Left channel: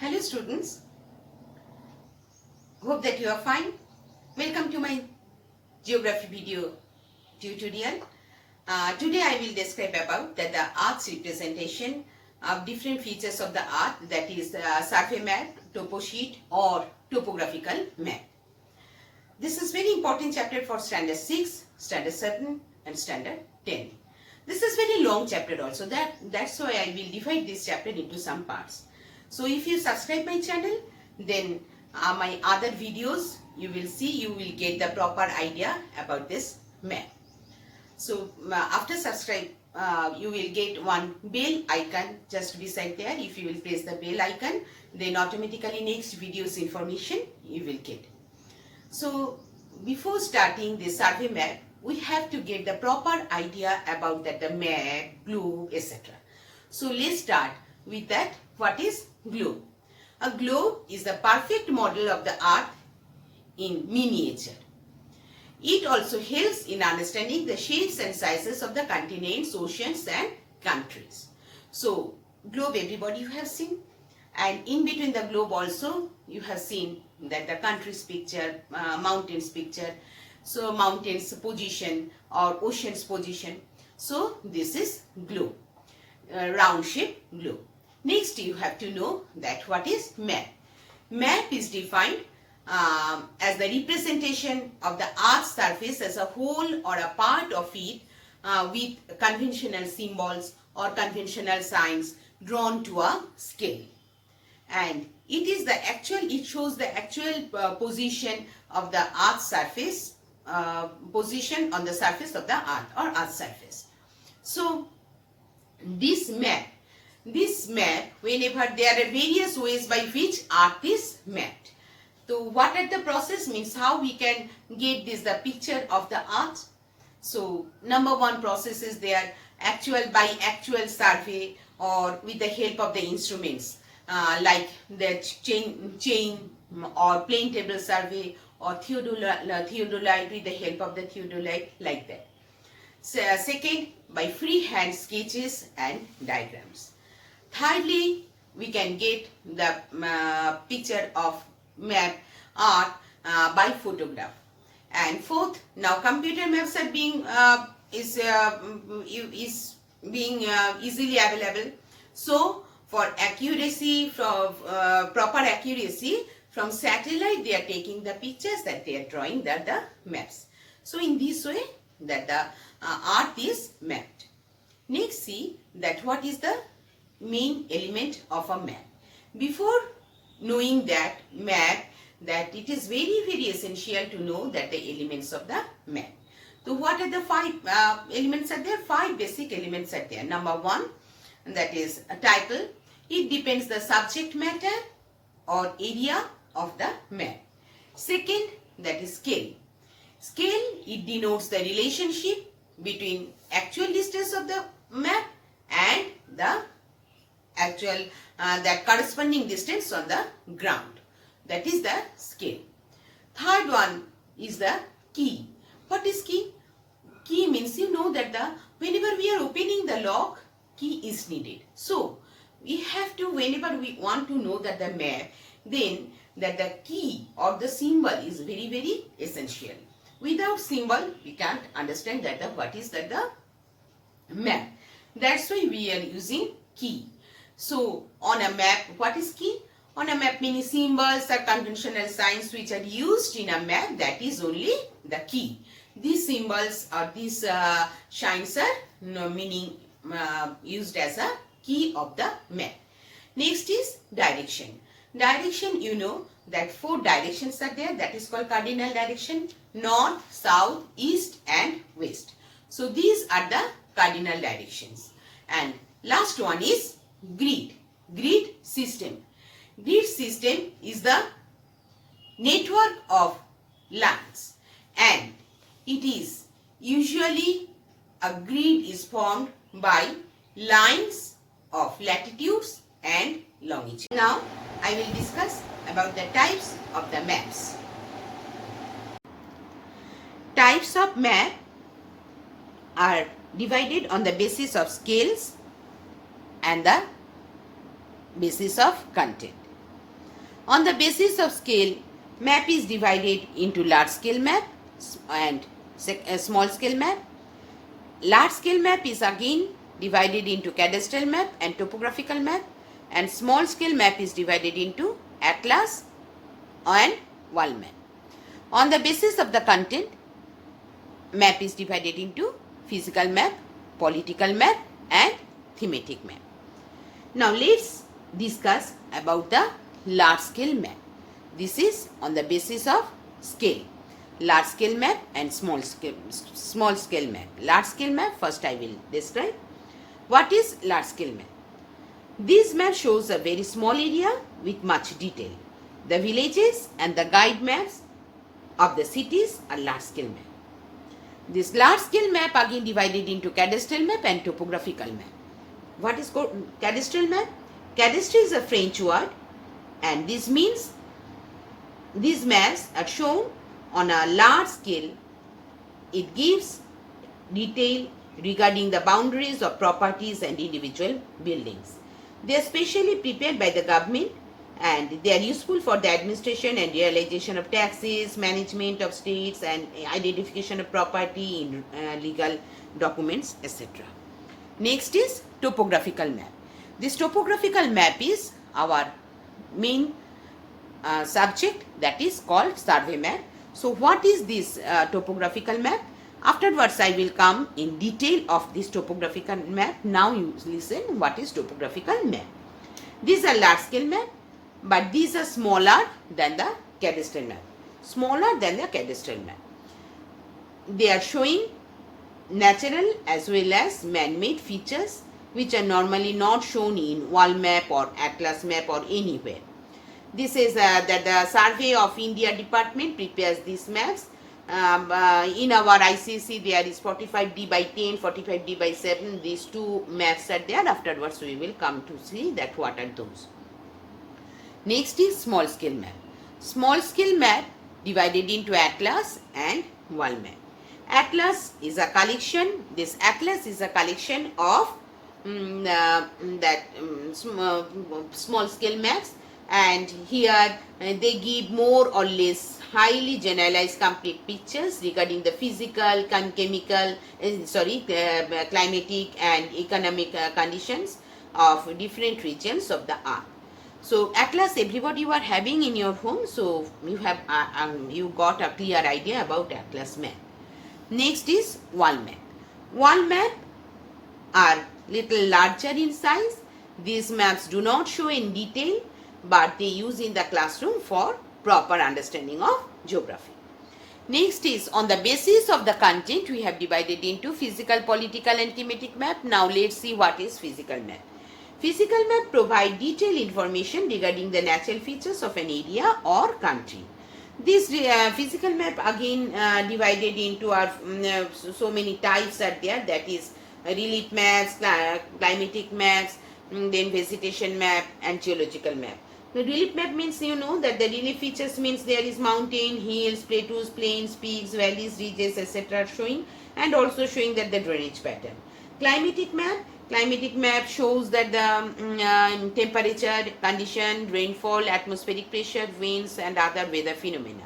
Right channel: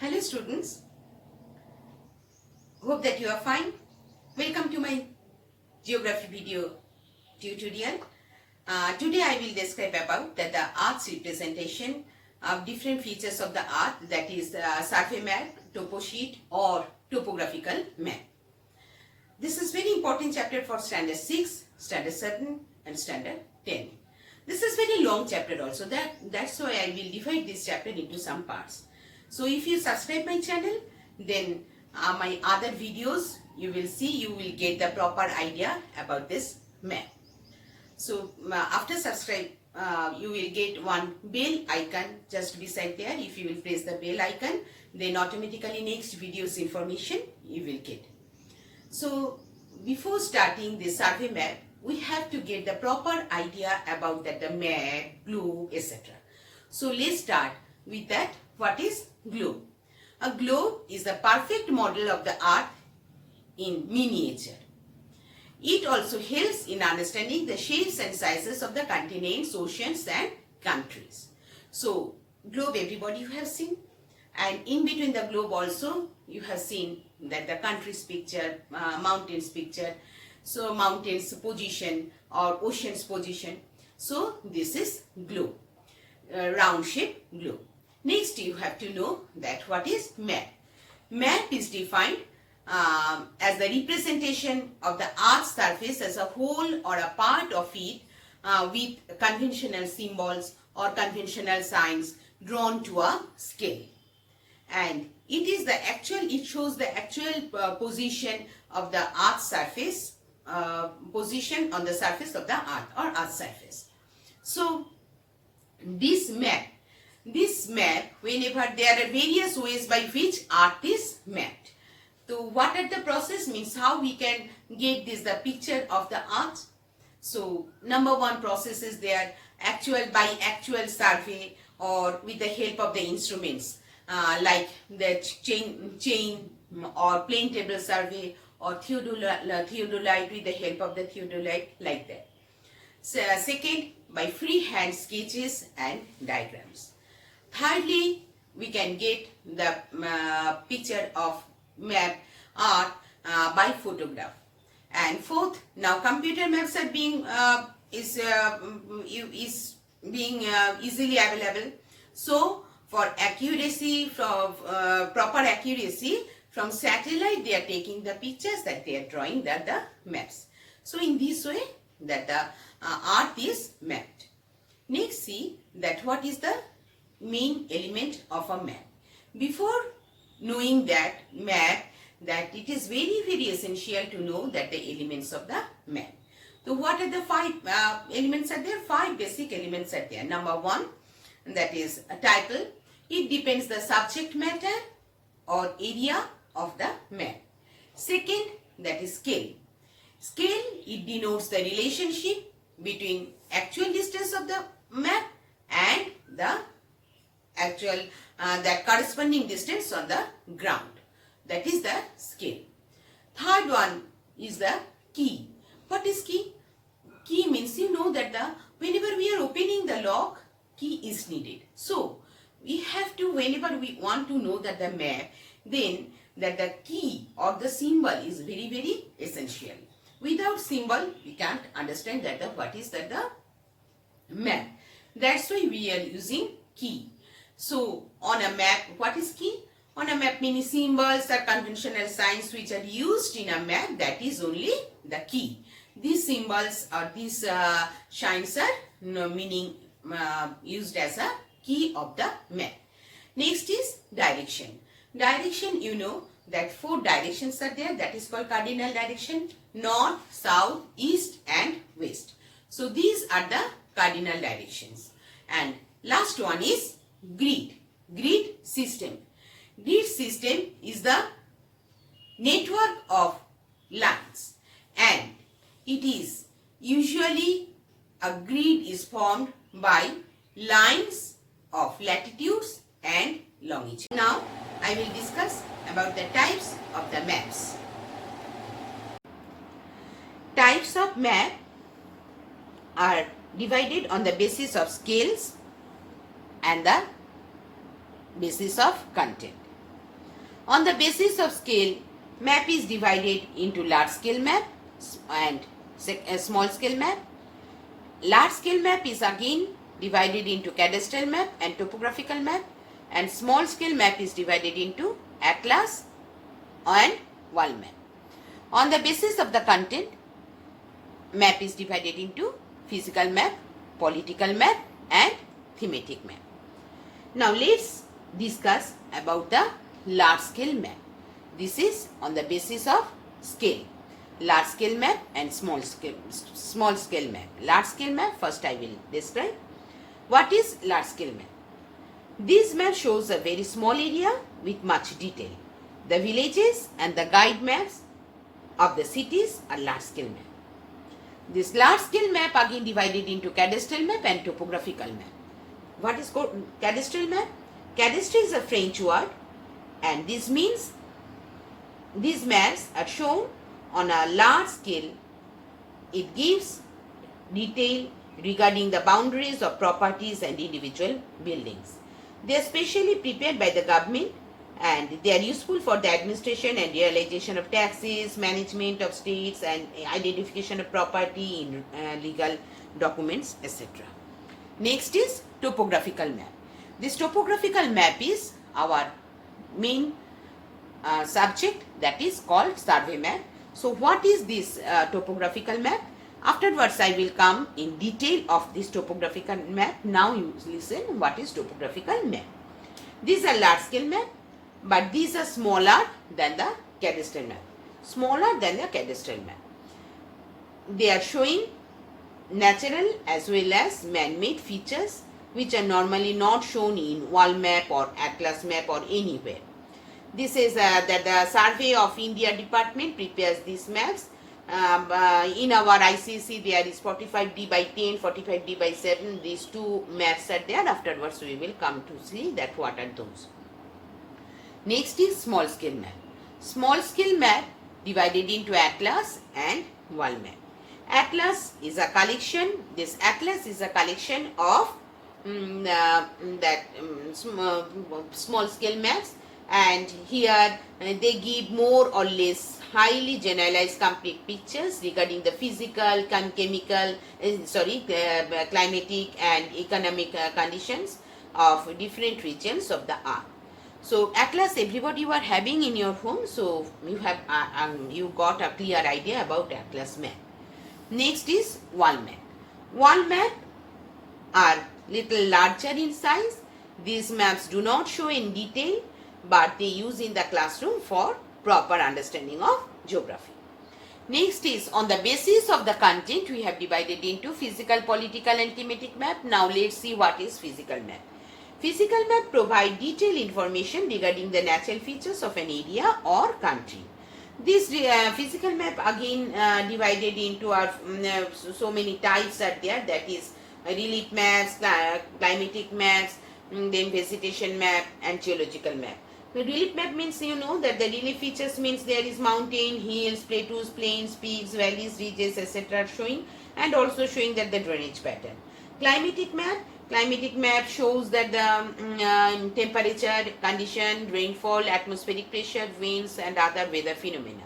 Hello students, hope that you are fine. Welcome to my geography video tutorial. Today I will describe about the art's representation of different features of the art, that is survey map, topo sheet or topographical map. This is very important chapter for standard 6, standard 7 and standard 10. This is very long chapter also, that's why I will divide this chapter into some parts. So if you subscribe my channel, then my other videos you will get the proper idea about this map. So after subscribe, you will get one bell icon just beside there. If you will press the bell icon, then automatically next video's information you will get. So before starting the survey map, we have to get the proper idea about the map, globe, etc. So let's start with that. What is globe? A globe is the perfect model of the earth in miniature. It also helps in understanding the shapes and sizes of the continents, oceans and countries. So globe everybody you have seen, and in between the globe also you have seen that the country's picture, mountains picture, so mountains position or oceans position. So this is globe, round shape globe. Next you have to know that what is map. Map is defined as the representation of the earth's surface as a whole or a part of it with conventional symbols or conventional signs drawn to a scale. And it shows the actual position of the earth's surface, position on the surface of the earth or earth's surface. So this map, whenever there are various ways by which earth is mapped. So what are the process means how we can get the picture of the earth. So number one process is there by actual survey or with the help of the instruments like the chain or plane table survey or theodolite with the help of the theodolite, like that. So, second, by freehand sketches and diagrams. Thirdly, we can get the picture of map art by photograph. And fourth, now computer maps are being easily available. So for accuracy, for proper accuracy, from satellite they are taking the pictures that they are drawing the maps. So in this way that the art is mapped. Next, see that what is the main element of a map. Before knowing that map, that it is very essential to know that the elements of the map. So what are the five elements are there? Five basic elements are there. Number one, that is a title. It depends the subject matter or area of the map. Second, that is scale. Scale, it denotes the relationship between actual distance of the map and the actual that corresponding distance on the ground. That is the scale. Third one is the key. What is key? Key means you know that whenever we are opening the lock, key is needed. So we have to, whenever we want to know that the map, then that the key or the symbol is very essential. Without symbol, we can't understand that what is the map. That's why we are using key. So on a map, what is key? On a map, many symbols or conventional signs which are used in a map, that is only the key. These symbols or these signs are meaning used as a key of the map. Next is direction. Direction, you know that 4 directions are there, that is called cardinal direction: north, south, east and west. So these are the cardinal directions. And last one is grid. Grid system. Grid system is the network of lines, and it is usually a grid is formed by lines of latitudes and longitude. Now I will discuss about the types of the maps. Types of map are divided on the basis of scales and the basis of content. On the basis of scale, map is divided into large scale map and small scale map. Large scale map is again divided into cadastral map and topographical map, and small scale map is divided into atlas and world map. On the basis of the content, map is divided into physical map, political map and thematic map. Now let's discuss about the large scale map. This is on the basis of scale. Large scale map and small scale map. Large scale map, first I will describe. What is large scale map? This map shows a very small area with much detail. The villages and the guide maps of the cities are large scale map. This large scale map again divided into cadastral map and topographical map. What is called cadastral map? Cadastre is a French word, and this means these maps are shown on a large scale. It gives detail regarding the boundaries of properties and individual buildings. They are specially prepared by the government and they are useful for the administration and realization of taxes, management of states and identification of property in legal documents, etc. Next is topographical map. This topographical map is our main subject, that is called survey map. So what is this topographical map? Afterwards I will come in detail of this topographical map. Now you listen what is topographical map. These are large scale map, but these are smaller than the cadastral map. Smaller than the cadastral map. They are showing natural as well as man-made features which are normally not shown in world map or atlas map or anywhere. This is that the Survey of India department prepares these maps. In our ICC there is 45D by 10, 45D by 7. These two maps are there. Afterwards we will come to see that what are those. Next is small scale map. Small scale map divided into atlas and world map. Atlas is a collection. This atlas is a collection of small scale maps, and here they give more or less highly generalized complete pictures regarding the physical, chemical, climatic and economic conditions of different regions of the earth. So atlas everybody you are having in your home, so you have you got a clear idea about atlas map. Next is world map. World map are little larger in size. These maps do not show in detail, but they use in the classroom for proper understanding of geography. Next is on the basis of the content we have divided into physical, political and thematic map. Now let's see what is physical map. Physical map provide detailed information regarding the natural features of an area or country. This physical map again divided into our so many types are there, that is relief maps, climatic maps, then vegetation map and geological map. The relief map means you know that the relief features means there is mountain, hills, plateaus, plains, peaks, valleys, ridges, etc. showing, and also showing that the drainage pattern. Climatic map shows that the temperature, condition, rainfall, atmospheric pressure, winds and other weather phenomena.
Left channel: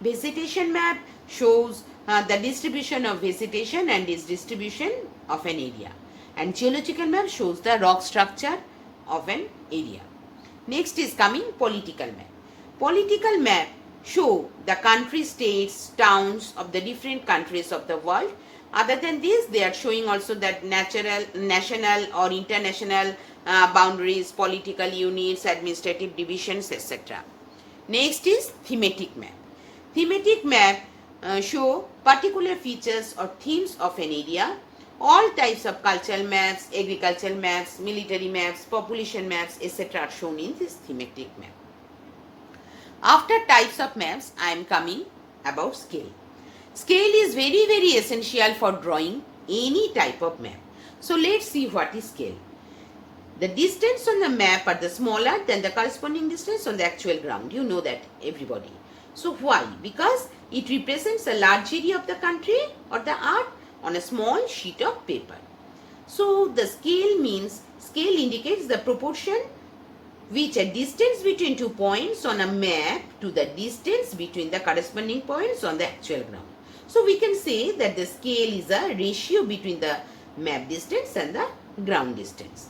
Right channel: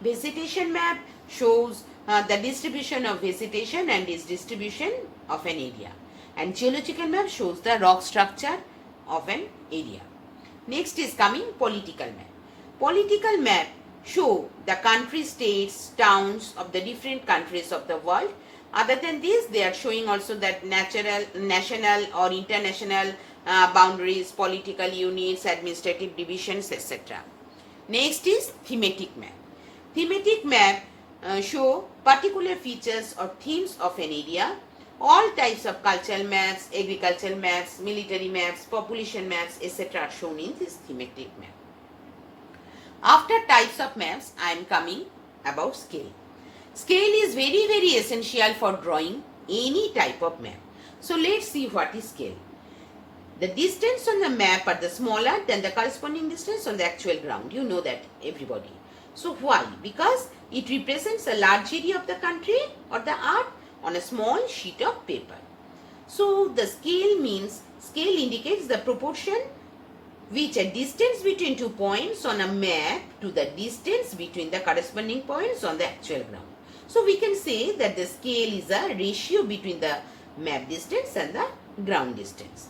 Vegetation map shows the distribution of vegetation and its distribution of an area. And geological map shows the rock structure of an area. Next is coming political map. Political map show the country, states, towns of the different countries of the world. Other than this, they are showing also that national or international boundaries, political units, administrative divisions, etc. Next is thematic map. Thematic map show particular features or themes of an area. All types of cultural maps, agricultural maps, military maps, population maps, etc. are shown in this thematic map. After types of maps, I am coming about scale. Scale is very, very essential for drawing any type of map. So let's see what is scale. The distance on the map are the smaller than the corresponding distance on the actual ground. You know that, everybody. So why? Because it represents a large area of the country or the earth on a small sheet of paper. So the scale indicates the proportion which a distance between 2 points on a map to the distance between the corresponding points on the actual ground. So we can say that the scale is a ratio between the map distance and the ground distance.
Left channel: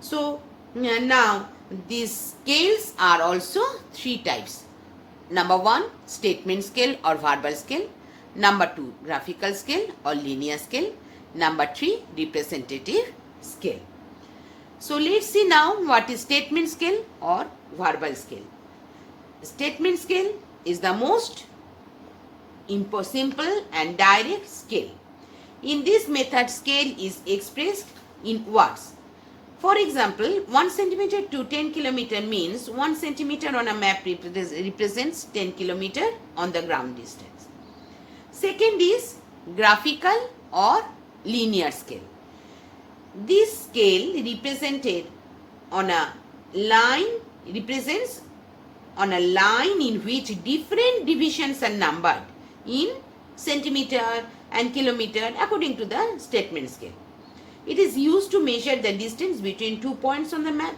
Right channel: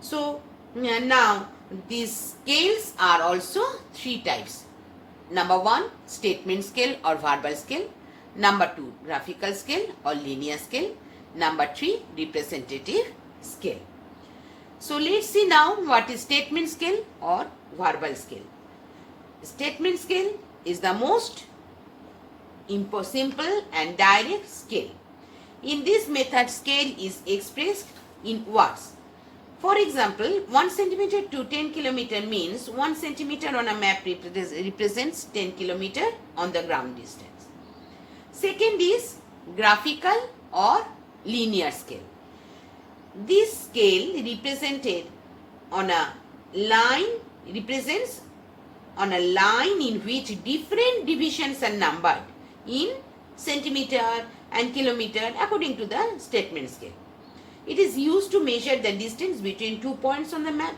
So now these scales are also three types. Number 1, statement scale or verbal scale. Number 2, graphical scale or linear scale. Number 3, representative scale. So let's see now what is statement scale or verbal scale. Statement scale is the most simple and direct scale. In this method, scale is expressed in words. For example, 1 centimeter to 10 kilometer means 1 centimeter on a map represents 10 kilometer on the ground distance. Second is graphical or linear scale. This scale represented on a line represents on a line in which different divisions are numbered in centimeter and kilometer according to the statement scale. It is used to measure the distance between 2 points on the map.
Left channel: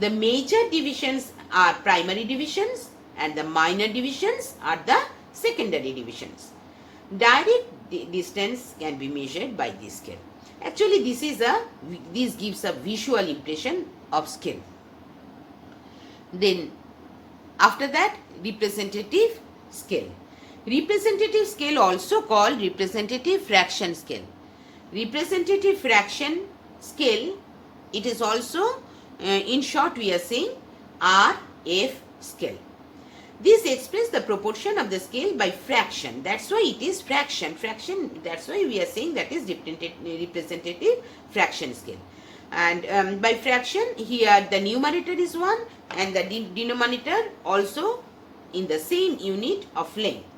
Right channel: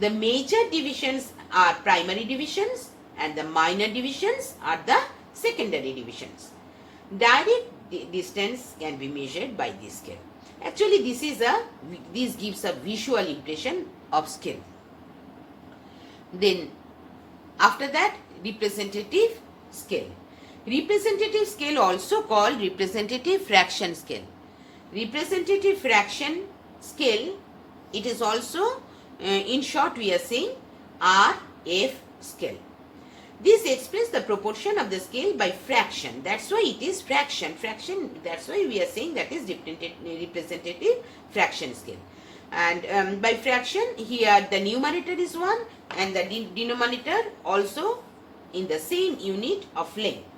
The major divisions are primary divisions and the minor divisions are the secondary divisions. Direct distance can be measured by this scale. Actually, this gives a visual impression of scale. Then, after that, representative scale. Representative scale also called representative fraction scale. Representative fraction scale, it is also, in short we are saying RF scale. This expresses the proportion of the scale by fraction. That's why it is fraction. That's why we are saying that is representative fraction scale. And by fraction, here the numerator is 1 and the denominator also in the same unit of length.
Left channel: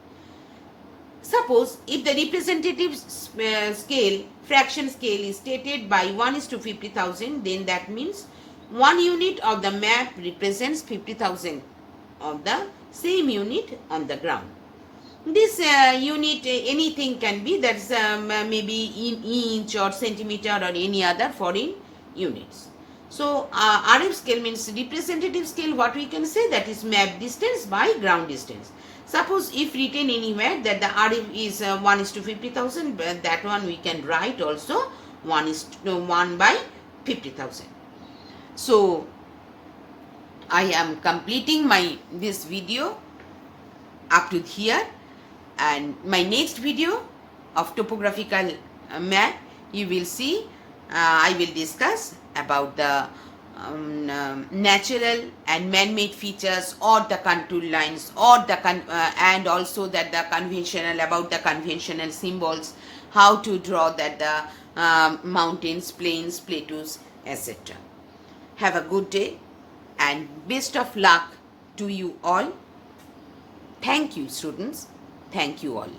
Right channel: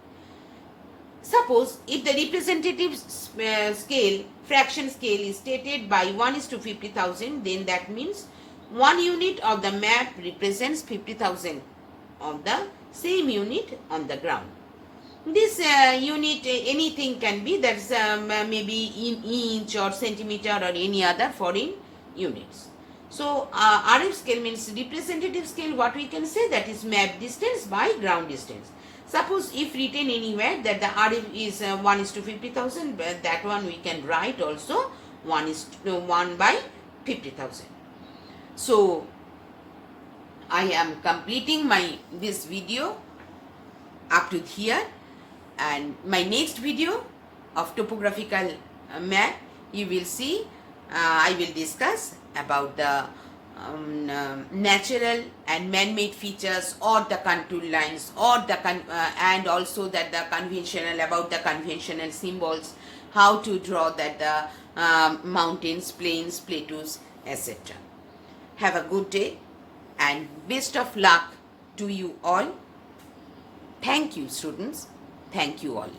Suppose if the representative scale, fraction scale is stated by 1:50,000, then that means 1 unit of the map represents 50,000 of the same unit on the ground. This unit, anything can be, that's maybe in inch or centimeter or any other foreign units. So RF scale means representative scale, what we can say, that is map distance by ground distance. Suppose if written anywhere that the RF is 1:50,000, that one we can write also 1 by 50,000. So I am completing this video up to here, and my next video of topographical map, you will see I will discuss about the natural and man-made features or the contour lines or the and also that the conventional symbols, how to draw that the mountains, plains, plateaus, etc. Have a good day and best of luck to you all. Thank you, students. Thank you all.